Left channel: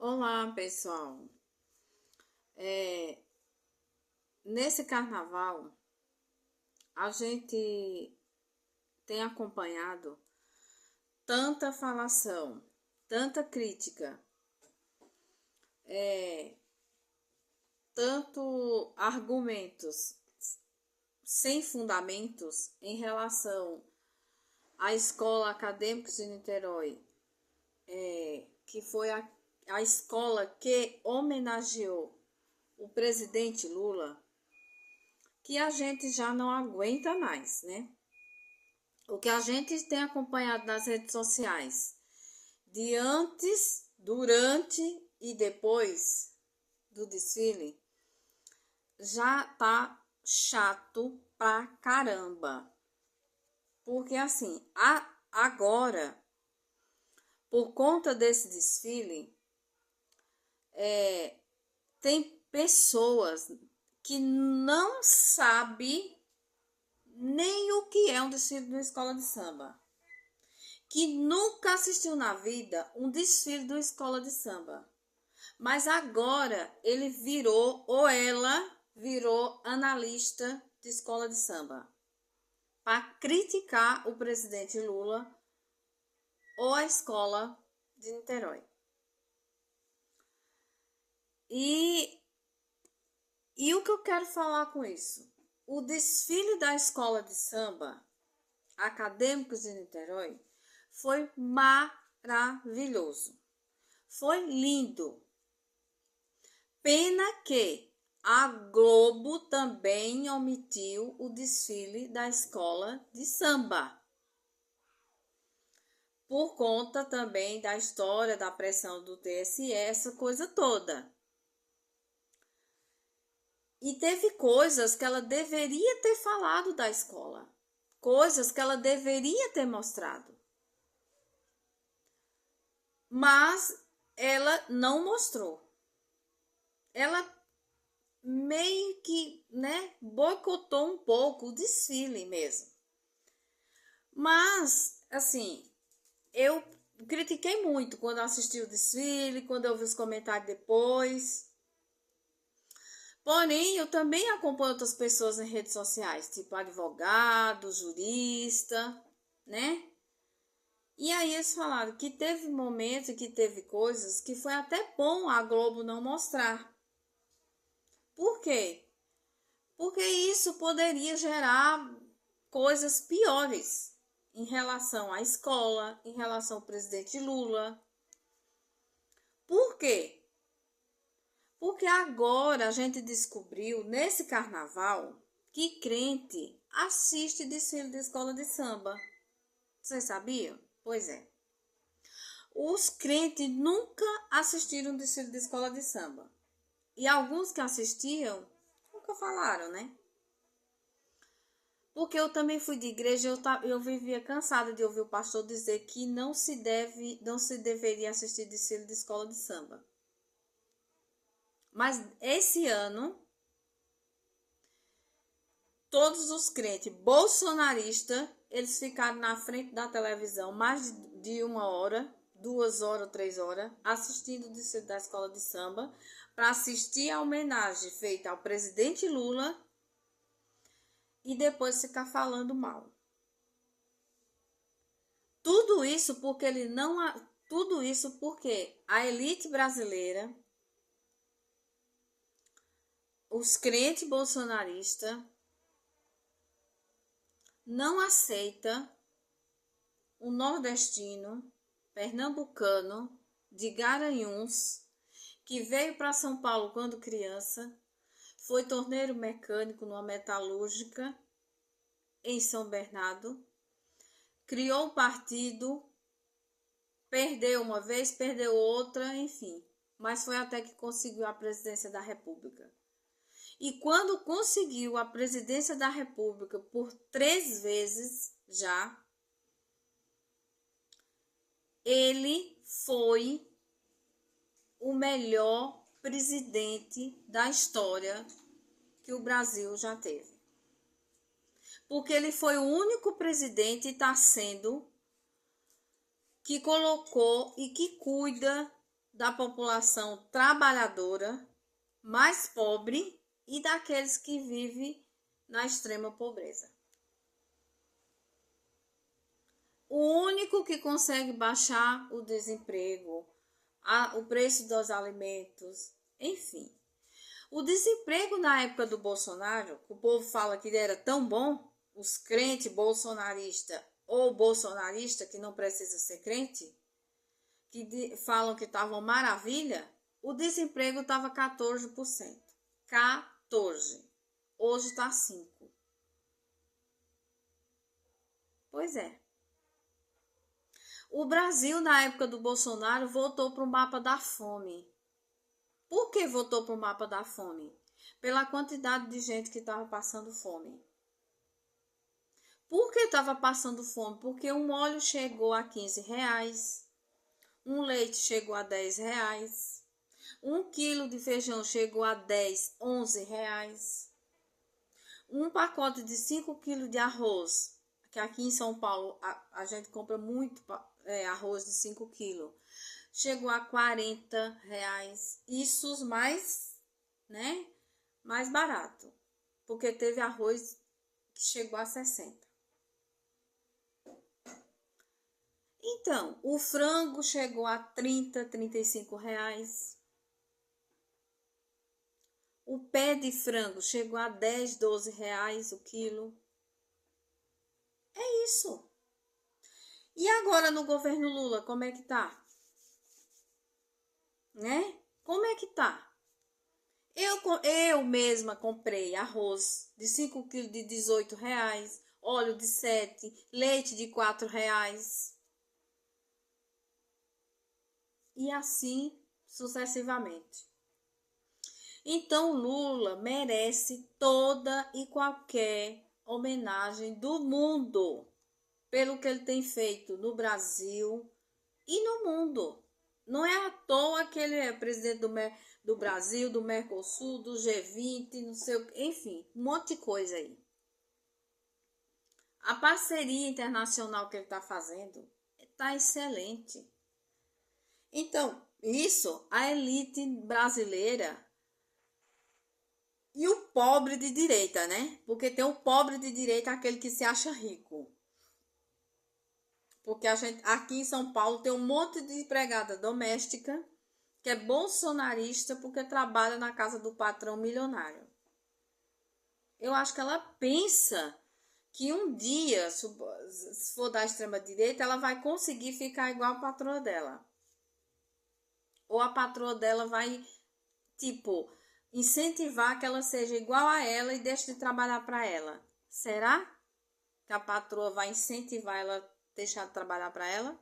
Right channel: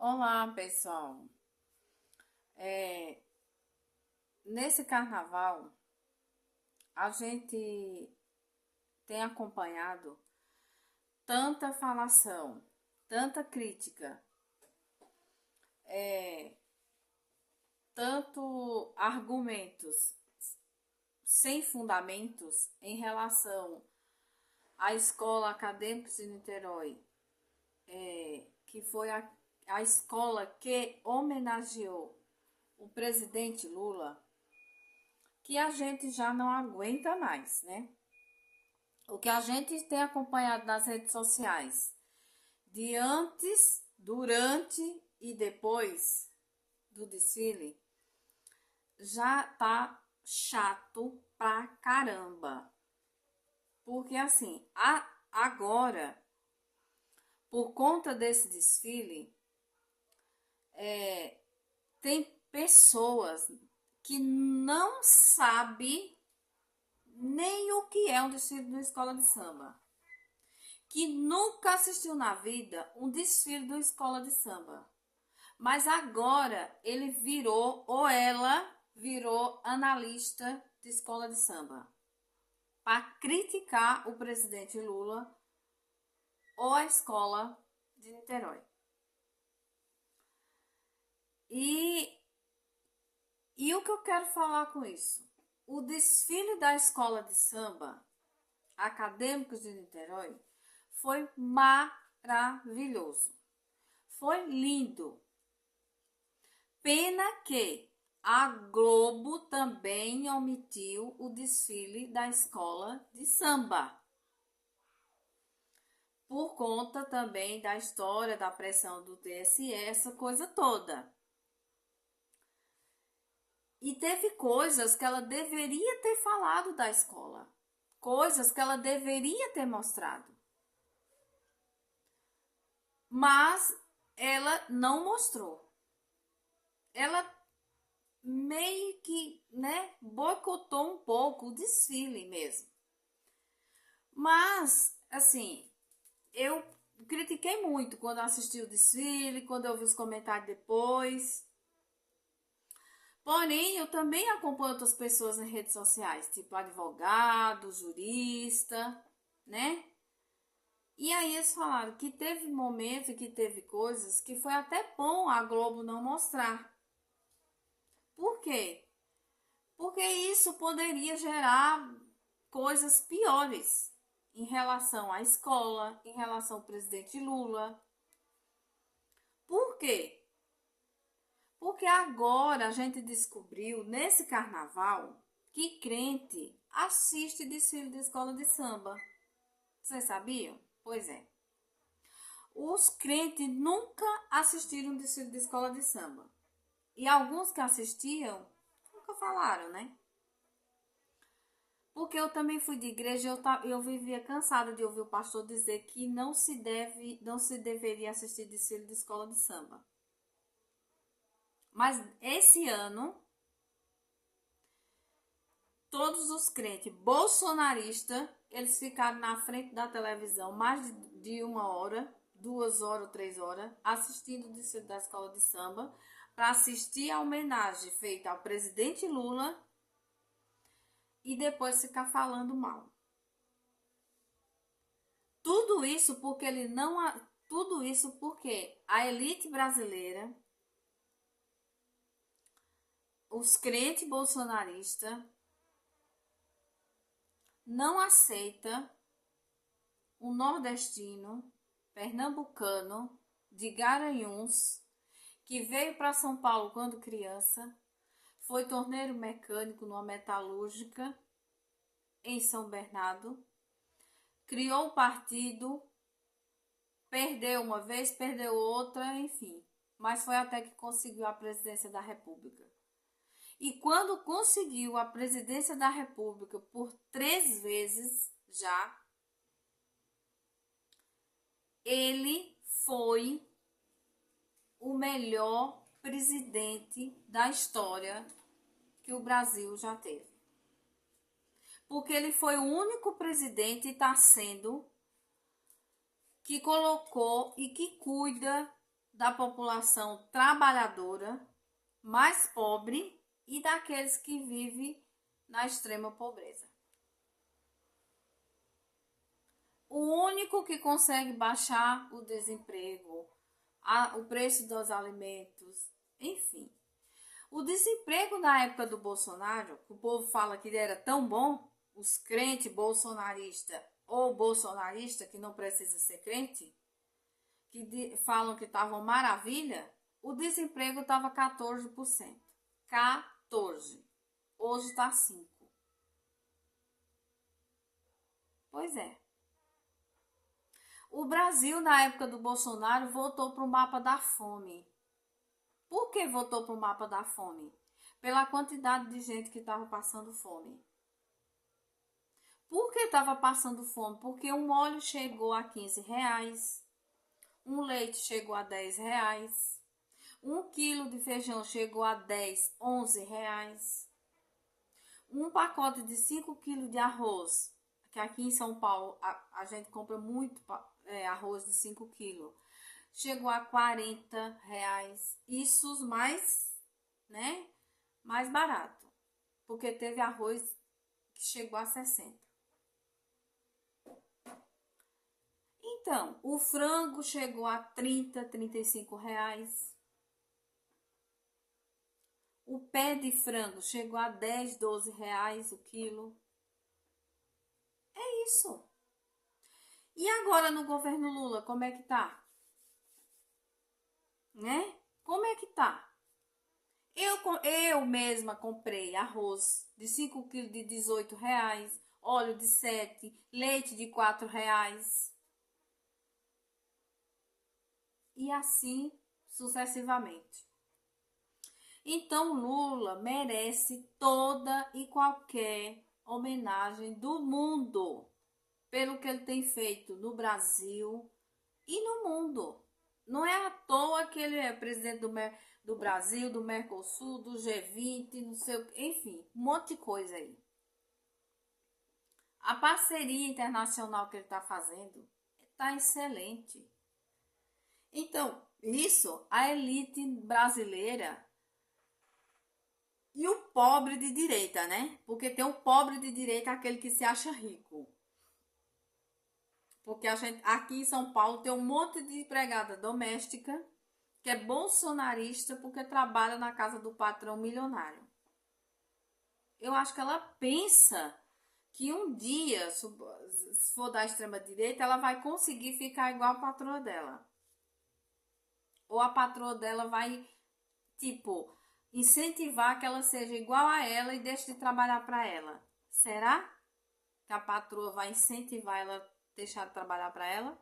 Olá, pessoal. É, Nesse carnaval, a gente tem acompanhado tanta falação, tanta crítica, tanto argumentos sem fundamentos em relação à Escola Acadêmica de Niterói, que foi a escola que homenageou o presidente Lula, que a gente já não aguenta mais, né? O que a gente tem acompanhado nas redes sociais, de antes, durante e depois do desfile, já tá chato pra caramba. Porque assim, agora, por conta desse desfile, tem pessoas que não sabem nem o que é um desfile de uma escola de samba, que nunca assistiu na vida um desfile de uma escola de samba. Mas agora ele virou, ou ela virou analista de escola de samba, para criticar o presidente Lula ou a escola de Niterói. E, e o que eu quero falar com isso? O desfile da escola de samba Acadêmicos de Niterói foi maravilhoso. Foi lindo. Pena que a Globo também omitiu o desfile da escola de samba. Por conta também da história da pressão do TSE, essa coisa toda. E teve coisas que ela deveria ter falado da escola. Coisas que ela deveria ter mostrado. Mas ela não mostrou. Ela meio que, né, boicotou um pouco o desfile mesmo. Mas, assim, eu critiquei muito quando assisti o desfile, quando eu vi os comentários depois. Porém, eu também acompanho outras pessoas nas redes sociais, tipo advogado, jurista, né? E aí eles falaram que teve momentos, que teve coisas que foi até bom a Globo não mostrar. Por quê? Porque isso poderia gerar coisas piores em relação à escola, em relação ao presidente Lula. Por quê? Porque agora a gente descobriu nesse carnaval que crente assiste desfile de escola de samba. Vocês sabiam? Pois é. Os crentes nunca assistiram desfile de escola de samba. E alguns que assistiam nunca falaram, né? Porque eu também fui de igreja e eu vivia cansada de ouvir o pastor dizer que não se deveria assistir desfile de escola de samba. Mas esse ano, todos os crentes bolsonaristas, eles ficaram na frente da televisão mais de 1 hora, 2 horas ou 3 horas, assistindo o desfile da escola de samba, para assistir a homenagem feita ao presidente Lula e depois ficar falando mal. Tudo isso porque tudo isso porque a elite brasileira, os crentes bolsonaristas, não aceita um nordestino, pernambucano, de Garanhuns, que veio para São Paulo quando criança, foi torneiro mecânico numa metalúrgica em São Bernardo, criou um partido, perdeu uma vez, perdeu outra, enfim, mas foi até que conseguiu a presidência da República. E quando conseguiu a presidência da República por 3 vezes já, ele foi o melhor presidente da história que o Brasil já teve. Porque ele foi o único presidente e está sendo que colocou e que cuida da população trabalhadora, mais pobre e daqueles que vivem na extrema pobreza. O único que consegue baixar o desemprego, o preço dos alimentos, enfim. O desemprego na época do Bolsonaro, o povo fala que era tão bom, os crentes bolsonaristas ou bolsonarista que não precisa ser crente, que falam que estava uma maravilha, o desemprego estava 14%. 14%. Hoje está 5%. Pois é. O Brasil, na época do Bolsonaro, voltou para o mapa da fome. Por que voltou para o mapa da fome? Pela quantidade de gente que estava passando fome. Por que estava passando fome? Porque um óleo chegou a R$15, um leite chegou a R$10, 1 quilo de feijão chegou a R$10, R$11, um pacote de 5 quilos de arroz, que aqui em São Paulo a gente compra muito arroz de 5 quilos, chegou a R$40. Isso os mais, mais barato, porque teve arroz que chegou a 60. Então, o frango chegou a 30, R$35. O pé de frango chegou a R$10, R$12 o quilo. É isso. E agora no governo Lula, como é que tá? Como é que tá? Eu mesma comprei arroz de 5 quilos de R$18, óleo de 7, leite de R$4. E assim sucessivamente. Então Lula merece toda e qualquer homenagem do mundo pelo que ele tem feito no Brasil e no mundo. Não é à toa que ele é presidente do Brasil, do Mercosul, do G20, não sei o que, enfim, um monte de coisa aí. A parceria internacional que ele está fazendo está excelente. Então, isso, a elite brasileira e o pobre de direita, né? Porque tem o pobre de direita, aquele que se acha rico. Porque a gente, aqui em São Paulo, tem um monte de empregada doméstica que é bolsonarista porque trabalha na casa do patrão milionário. Eu acho que ela pensa que um dia, se for da extrema direita, ela vai conseguir ficar igual a patroa dela. Ou a patroa dela vai, incentivar que ela seja igual a ela e deixe de trabalhar para ela. Será que a patroa vai incentivar ela a deixar de trabalhar para ela?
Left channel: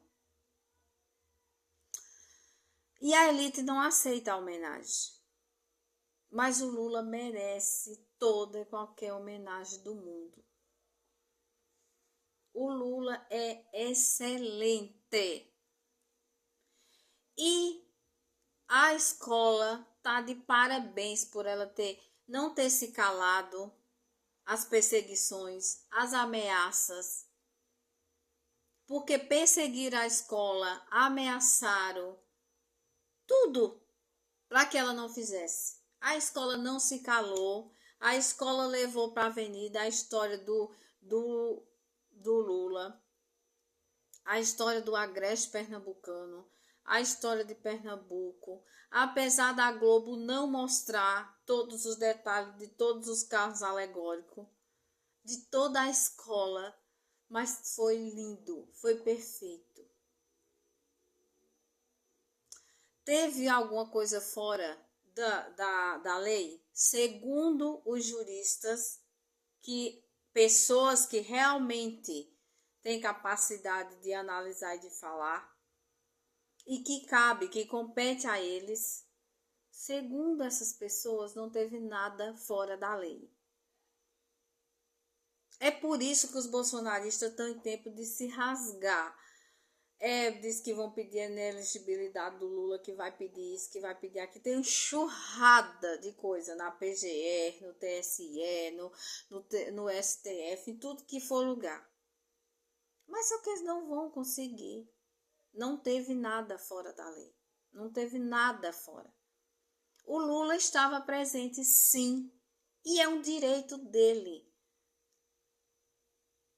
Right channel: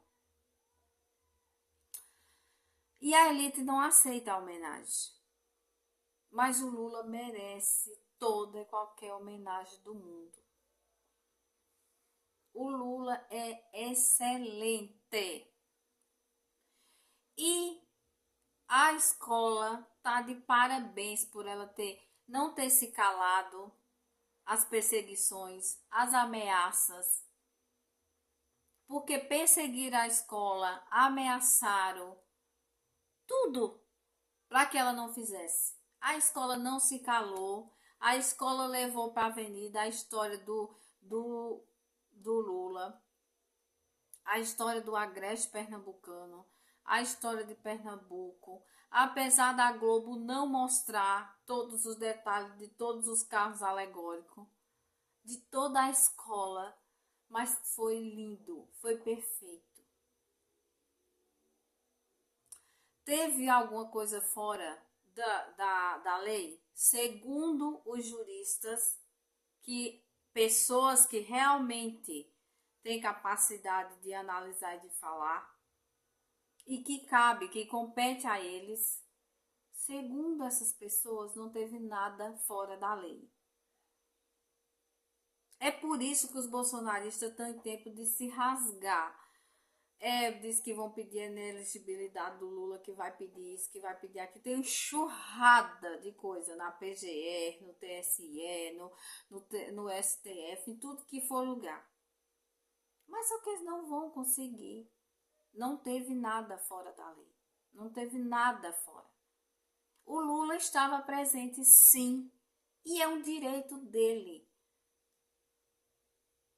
E a elite não aceita a homenagem. Mas o Lula merece toda e qualquer homenagem do mundo. O Lula é excelente. E a escola tá de parabéns por ela não ter se calado as perseguições, as ameaças. Porque perseguiram a escola, ameaçaram, tudo para que ela não fizesse. A escola não se calou, a escola levou para a avenida a história do Lula, a história do agreste pernambucano, a história de Pernambuco, apesar da Globo não mostrar todos os detalhes de todos os carros alegóricos, de toda a escola, mas foi lindo, foi perfeito. Teve alguma coisa fora da lei? Segundo os juristas, que pessoas que realmente têm capacidade de analisar e de falar, e que compete a eles, segundo essas pessoas, não teve nada fora da lei. É por isso que os bolsonaristas estão em tempo de se rasgar. Diz que vão pedir a inelegibilidade do Lula, que vai pedir isso, que vai pedir aquilo. Tem enxurrada de coisa na PGR, no TSE, no STF, em tudo que for lugar. Mas só que eles não vão conseguir. Não teve nada fora da lei. Não teve nada fora. O Lula estava presente, sim, e é um direito dele.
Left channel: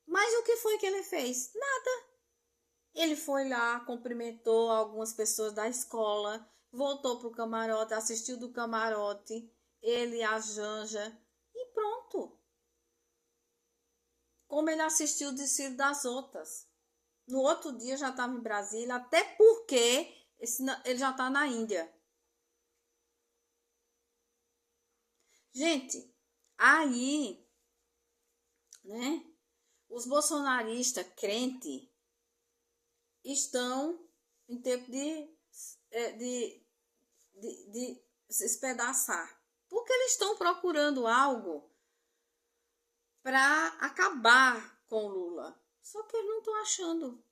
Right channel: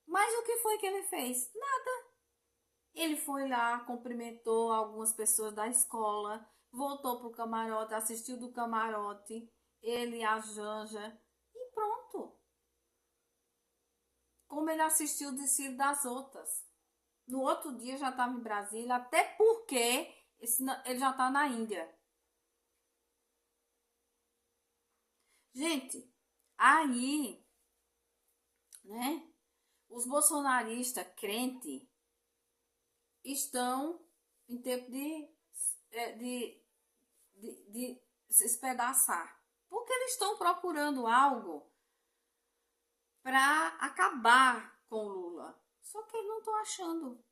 Mas o que foi que ele fez? Nada. Ele foi lá, cumprimentou algumas pessoas da escola, voltou para o camarote, assistiu do camarote, ele, a Janja, e pronto. Como ele assistiu o desfile das outras. No outro dia já estava em Brasília, até porque ele já está na Índia. Gente, aí, né, os bolsonaristas crentes estão em tempo de se espedaçar. Porque eles estão procurando algo para acabar com o Lula. Só que eles não estão achando.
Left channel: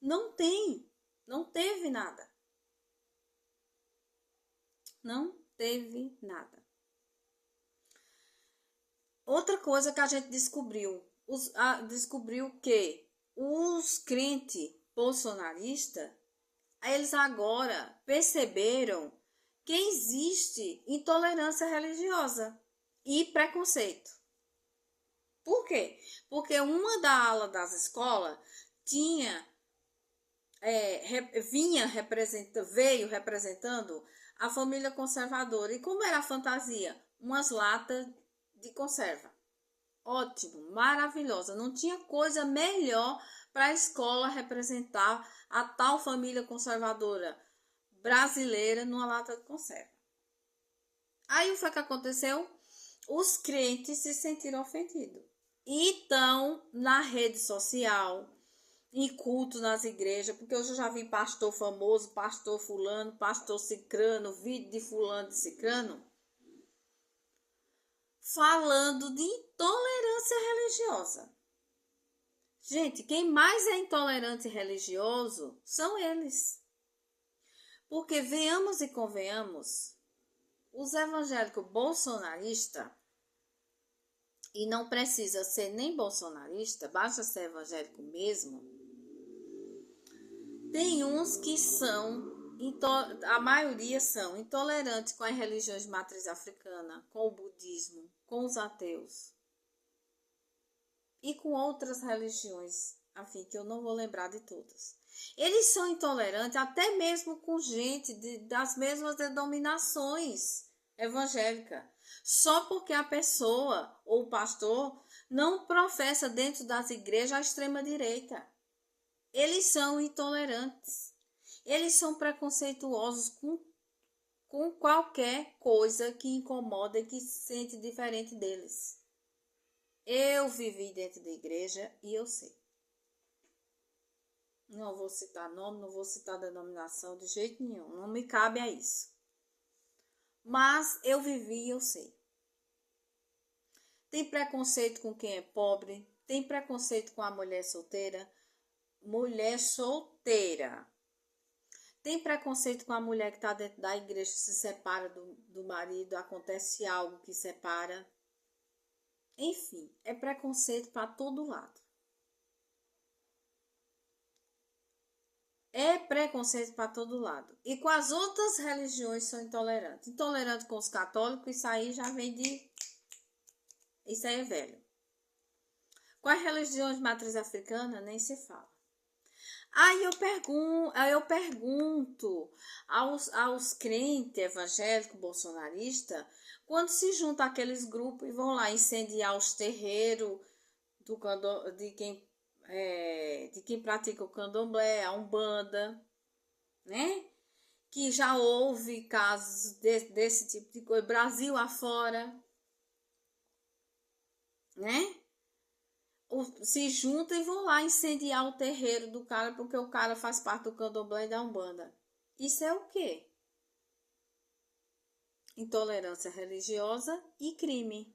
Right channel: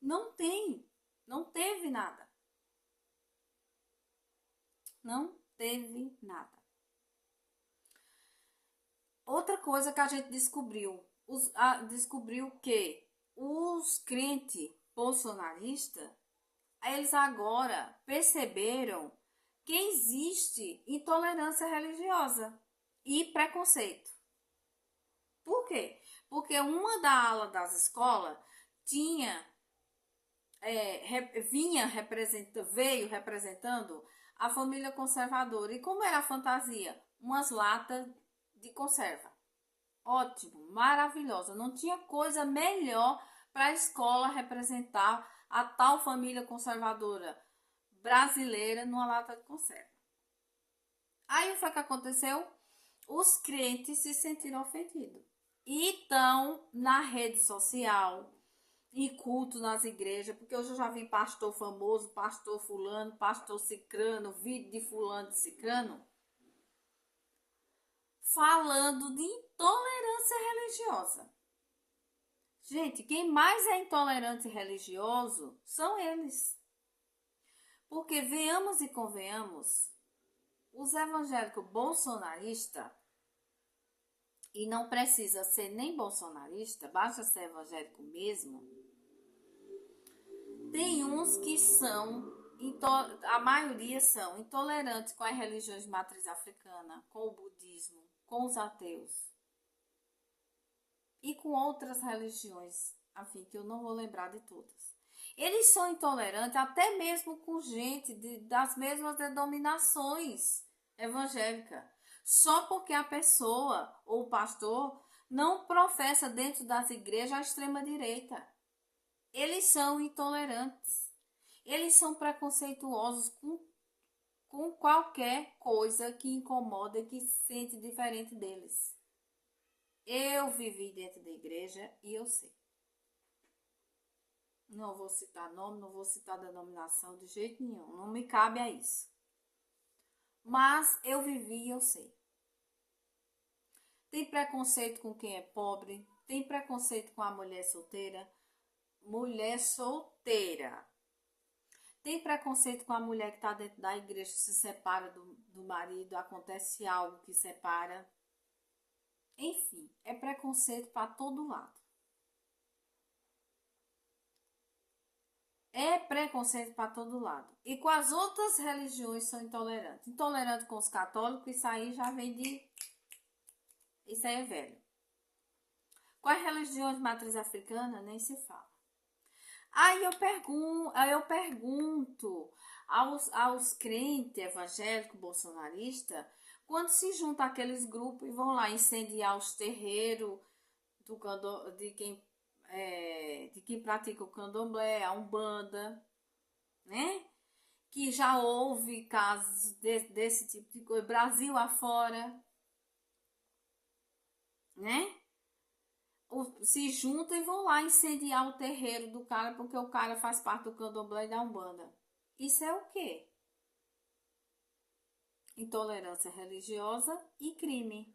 Não tem. Não teve nada. Não teve nada. Outra coisa que a gente descobriu. Descobriu que os crentes bolsonaristas, eles agora perceberam que existe intolerância religiosa e preconceito. Por quê? Porque uma da ala das escolas veio representando a família conservadora. E como era a fantasia? Umas latas de conserva. Ótimo, maravilhosa. Não tinha coisa melhor para a escola representar a tal família conservadora brasileira numa lata de conserva. Aí o que foi que aconteceu? Os crentes se sentiram ofendidos. E estão na rede social, em culto nas igrejas, porque eu já vi pastor famoso, pastor fulano, pastor cicrano, vídeo de fulano de cicrano, falando de intolerância religiosa. Gente, quem mais é intolerante religioso são eles. Porque venhamos e convenhamos, os evangélicos bolsonaristas, e não precisa ser nem bolsonarista, basta ser evangélico mesmo, tem uns que são, a maioria são intolerantes com as religiões de matriz africana, com o budismo, com os ateus e com outras religiões, afim, que eu não vou lembrar de todas. Eles são intolerantes até mesmo com gente das mesmas denominações evangélicas, só porque a pessoa ou o pastor não professa dentro das igrejas a extrema-direita. Eles são intolerantes, eles são preconceituosos com qualquer coisa que incomoda e que se sente diferente deles. Eu vivi dentro da igreja e eu sei. Não vou citar nome, não vou citar denominação de jeito nenhum, não me cabe a isso. Mas eu vivi e eu sei. Tem preconceito com quem é pobre, tem preconceito com a mulher solteira. Mulher solteira. Tem preconceito com a mulher que está dentro da igreja, se separa do marido, acontece algo que separa. Enfim, é preconceito para todo lado. É preconceito para todo lado. E com as outras religiões são intolerantes. Intolerante com os católicos, isso aí já vem de... Isso aí é velho. Com as religiões de matriz africana, nem se fala. Aí eu pergunto aos crentes evangélicos bolsonaristas, quando se juntam aqueles grupos e vão lá incendiar os terreiros de quem pratica o candomblé, a umbanda, né? Que já houve casos desse tipo de coisa, Brasil afora, né? Se juntam e vão lá incendiar o terreiro do cara porque o cara faz parte do candomblé e da umbanda. Isso é o quê? Intolerância religiosa e crime,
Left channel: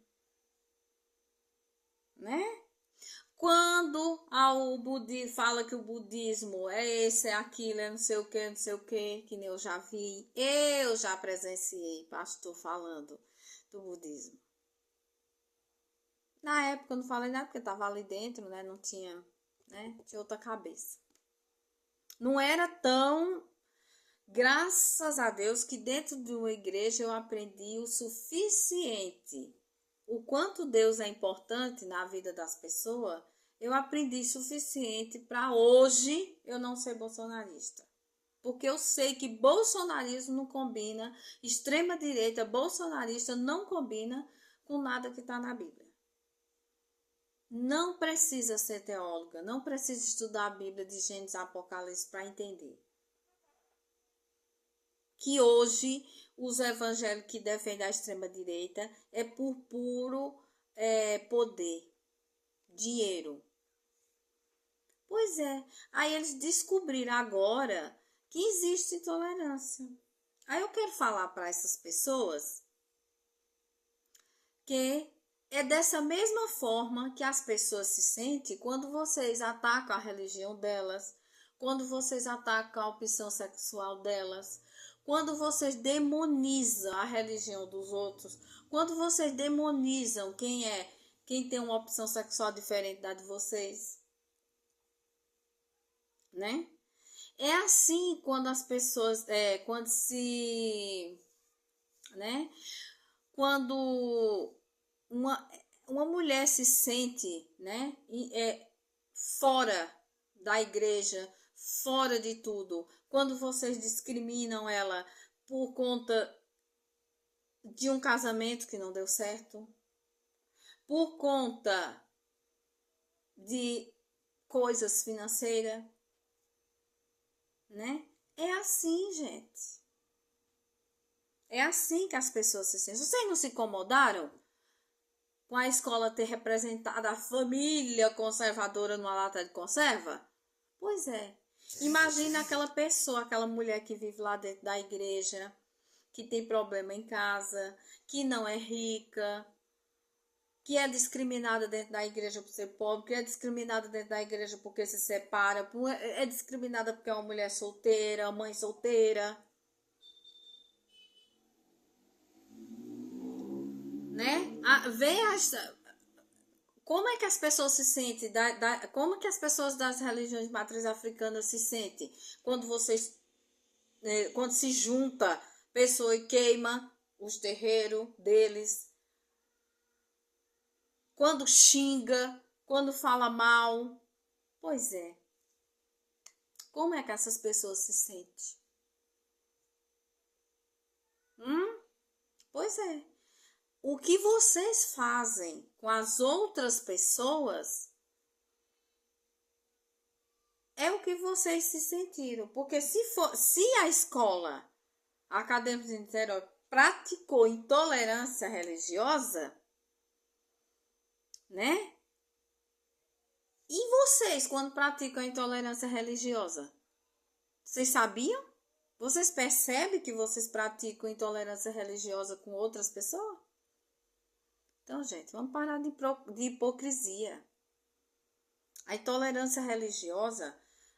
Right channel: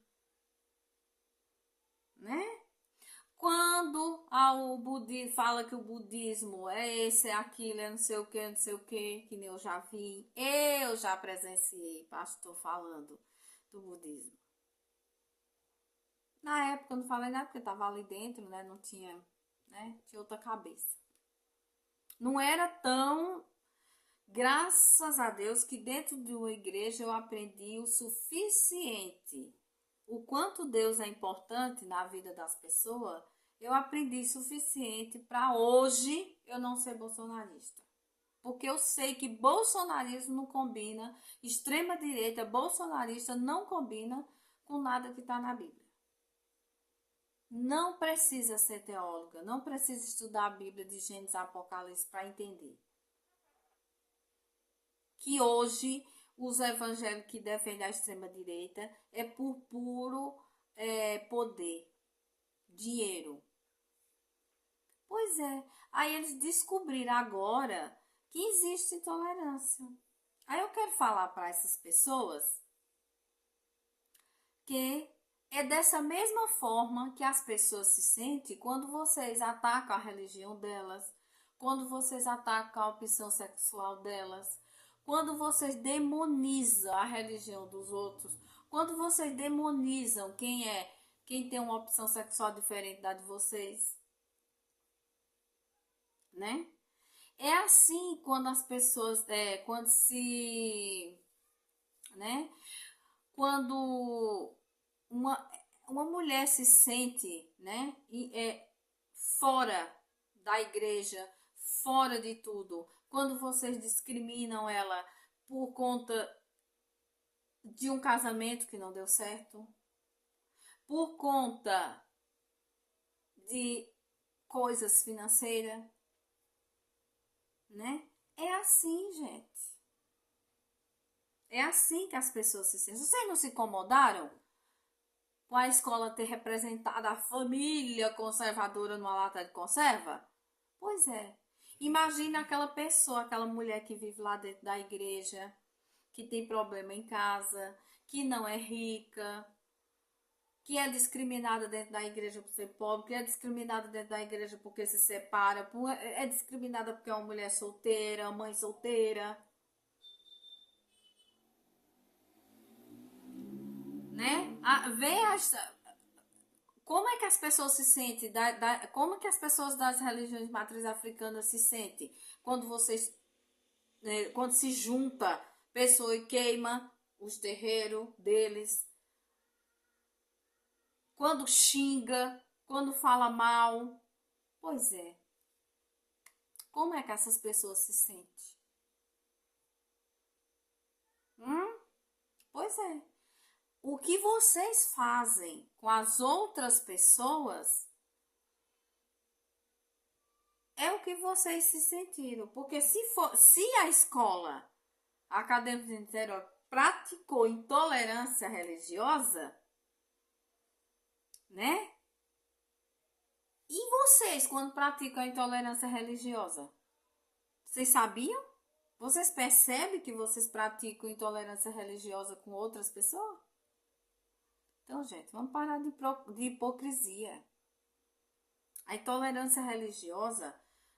né? Quando o budismo fala que o budismo é esse, é aquilo, é não sei o que, que nem eu já vi, eu já presenciei pastor falando do budismo. Na época eu não falei nada porque eu tava ali dentro, né? Não tinha, né? Tinha outra cabeça. Não era tão Graças a Deus que dentro de uma igreja eu aprendi o suficiente. O quanto Deus é importante na vida das pessoas, eu aprendi suficiente para hoje eu não ser bolsonarista. Porque eu sei que bolsonarismo não combina, extrema-direita bolsonarista não combina com nada que está na Bíblia. Não precisa ser teóloga, não precisa estudar a Bíblia de Gênesis a Apocalipse para entender que hoje os evangélicos que defendem a extrema-direita é por puro poder, dinheiro. Pois é, aí eles descobriram agora que existe intolerância. Aí eu quero falar para essas pessoas que é dessa mesma forma que as pessoas se sentem quando vocês atacam a religião delas, quando vocês atacam a opção sexual delas, quando vocês demonizam a religião dos outros, quando vocês demonizam quem tem uma opção sexual diferente da de vocês, né? É assim quando as pessoas, né? Quando uma mulher se sente, né? Fora da igreja, fora de tudo, quando vocês discriminam ela por conta de um casamento que não deu certo, por conta de coisas financeiras, né? É assim, gente. É assim que as pessoas se sentem. Vocês não se incomodaram com a escola ter representado a família conservadora numa lata de conserva? Pois é. Imagina aquela pessoa, aquela mulher que vive lá dentro da igreja, que tem problema em casa, que não é rica, que é discriminada dentro da igreja por ser pobre, que é discriminada dentro da igreja porque se separa, é discriminada porque é uma mulher solteira, uma mãe solteira, né? Como é que as pessoas se sentem, como é que as pessoas das religiões de matriz africana se sentem quando quando se junta pessoa e queima os terreiros deles, quando xinga, quando fala mal? Pois é. Como é que essas pessoas se sentem? Pois é. O que vocês fazem com as outras pessoas é o que vocês se sentiram. Porque se a escola acadêmica de Niterói praticou intolerância religiosa, né? E vocês, quando praticam a intolerância religiosa? Vocês sabiam? Vocês percebem que vocês praticam intolerância religiosa com outras pessoas? Então, gente, vamos parar de hipocrisia. A intolerância religiosa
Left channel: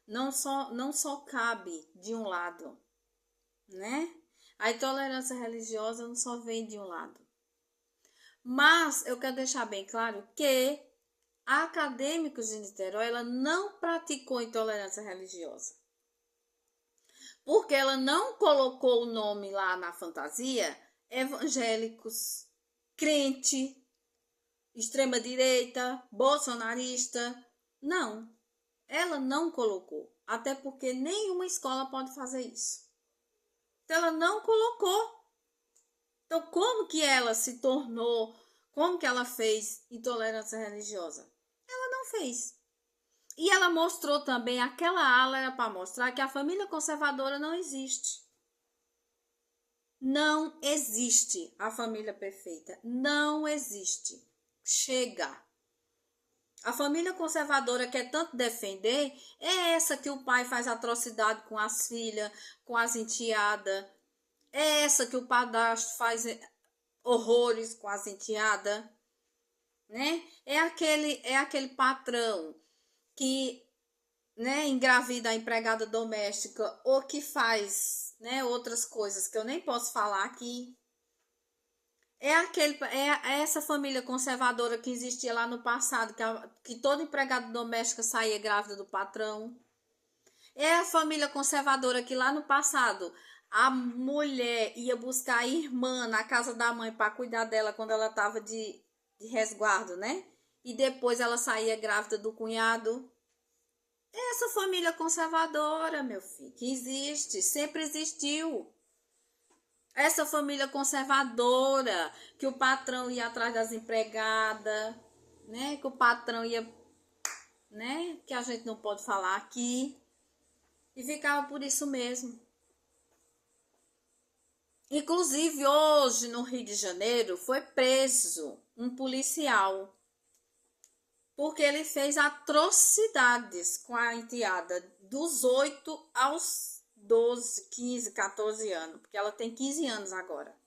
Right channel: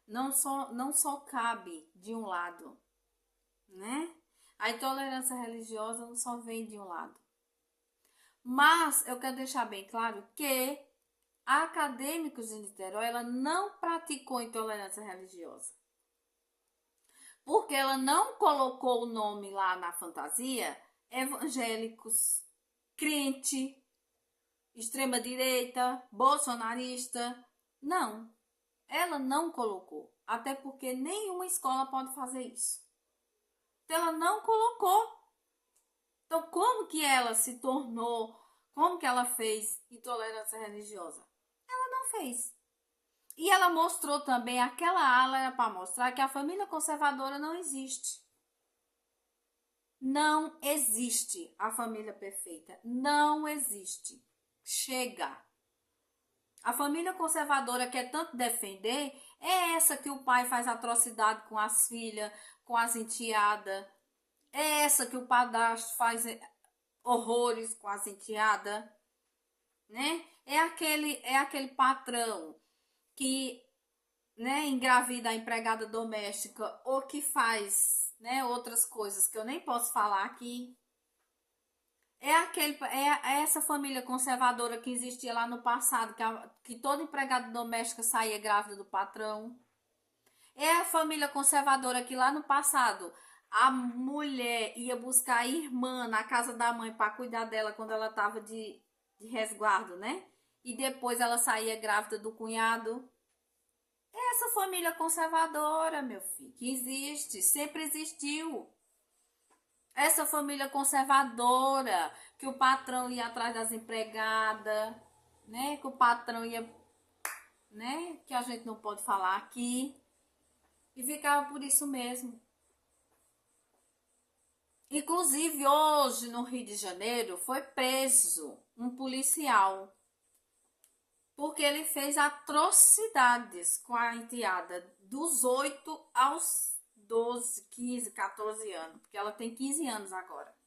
não só cabe de um lado, né? A intolerância religiosa não só vem de um lado. Mas eu quero deixar bem claro que a Acadêmicos de Niterói ela não praticou intolerância religiosa. Porque ela não colocou o nome lá na fantasia evangélicos, crente, extrema-direita, bolsonarista. Não, ela não colocou. Até porque nenhuma escola pode fazer isso. Então, ela não colocou. Então, como que ela se tornou, como que ela fez intolerância religiosa? Ela não fez. E ela mostrou também, aquela ala era para mostrar que a família conservadora não existe. Não existe a família perfeita. Não existe. Chega. A família conservadora quer tanto defender é essa que o pai faz atrocidade com as filhas, com as enteadas. É essa que o padrasto faz horrores com as enteadas, né? É aquele patrão que, né, engravida a empregada doméstica ou que faz, né, outras coisas que eu nem posso falar aqui. É essa família conservadora que existia lá no passado, que toda empregada doméstica saía grávida do patrão. É a família conservadora que lá no passado a mulher ia buscar a irmã na casa da mãe para cuidar dela quando ela estava de resguardo, né? E depois ela saía grávida do cunhado. É essa família conservadora, meu filho, que existe, sempre existiu. Essa família conservadora, que o patrão ia atrás das empregadas, né? Que o patrão ia, né? Que a gente não pode falar aqui. E ficava por isso mesmo. Inclusive, hoje, no Rio de Janeiro, foi preso um policial. Porque ele fez atrocidades com a enteada dos 8 aos 12, 15, 14 anos. Porque ela tem 15 anos agora.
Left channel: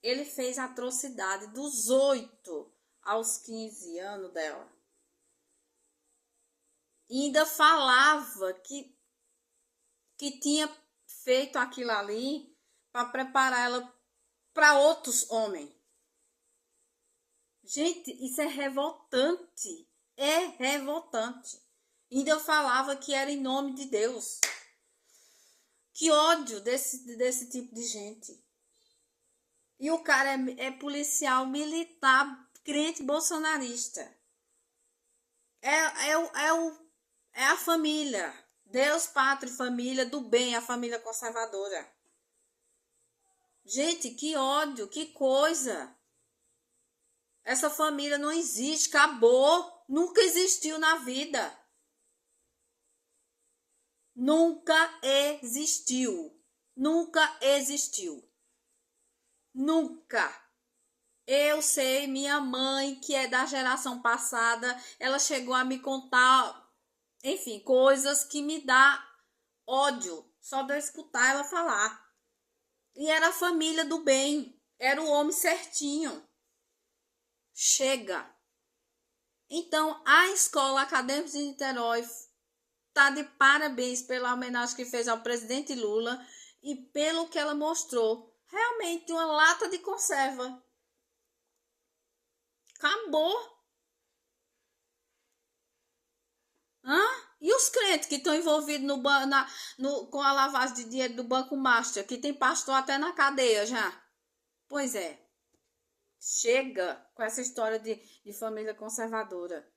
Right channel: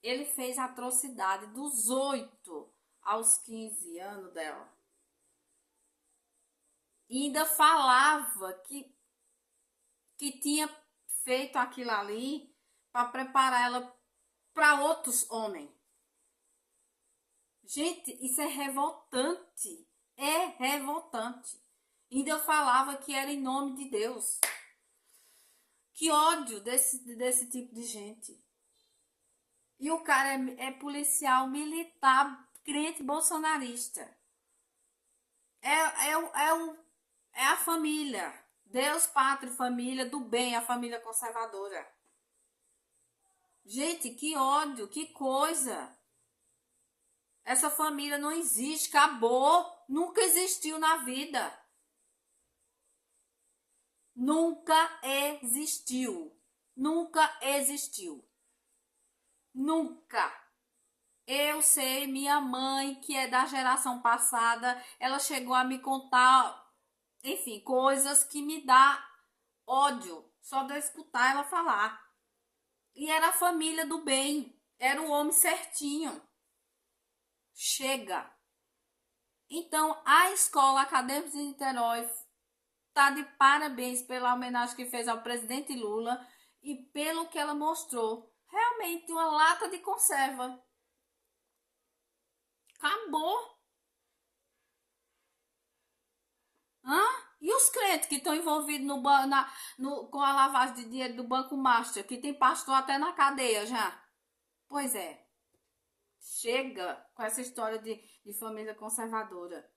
Ele fez atrocidade dos 8 aos 15 anos dela. E ainda falava que tinha feito aquilo ali para preparar ela para outros homens. Gente, isso é revoltante. É revoltante. Ainda eu falava que era em nome de Deus. Que ódio desse tipo de gente. E o cara é policial militar, crente bolsonarista. É a família. Deus, pátria e família do bem, a família conservadora. Gente, que ódio, que coisa. Essa família não existe, acabou. Nunca existiu na vida. Nunca existiu. Nunca existiu. Nunca. Eu sei, minha mãe, que é da geração passada, ela chegou a me contar, enfim, coisas que me dá ódio só de eu escutar ela falar. E era a família do bem, era o homem certinho. Chega. Então, a Escola Acadêmica de Niterói está de parabéns pela homenagem que fez ao presidente Lula e pelo que ela mostrou. Realmente uma lata de conserva. Acabou. Hã? E os crentes que estão envolvidos com a lavagem de dinheiro do Banco Master, que tem pastor até na cadeia já? Pois é. Chega com essa história de família conservadora.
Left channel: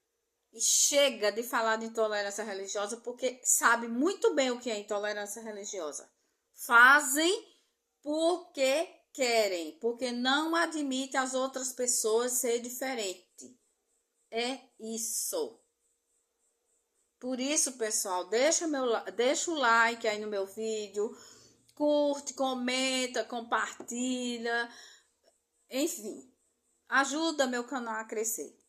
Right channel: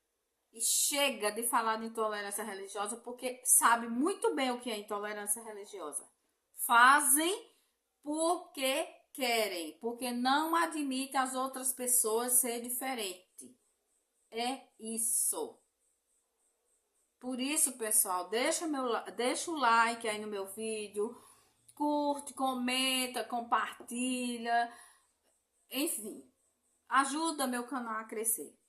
E chega de falar de intolerância religiosa, porque sabe muito bem o que é intolerância religiosa. Fazem porque querem, porque não admitem as outras pessoas ser diferente. É isso. Por isso, pessoal, deixa o like aí no meu vídeo, curte, comenta, compartilha, enfim, ajuda meu canal a crescer.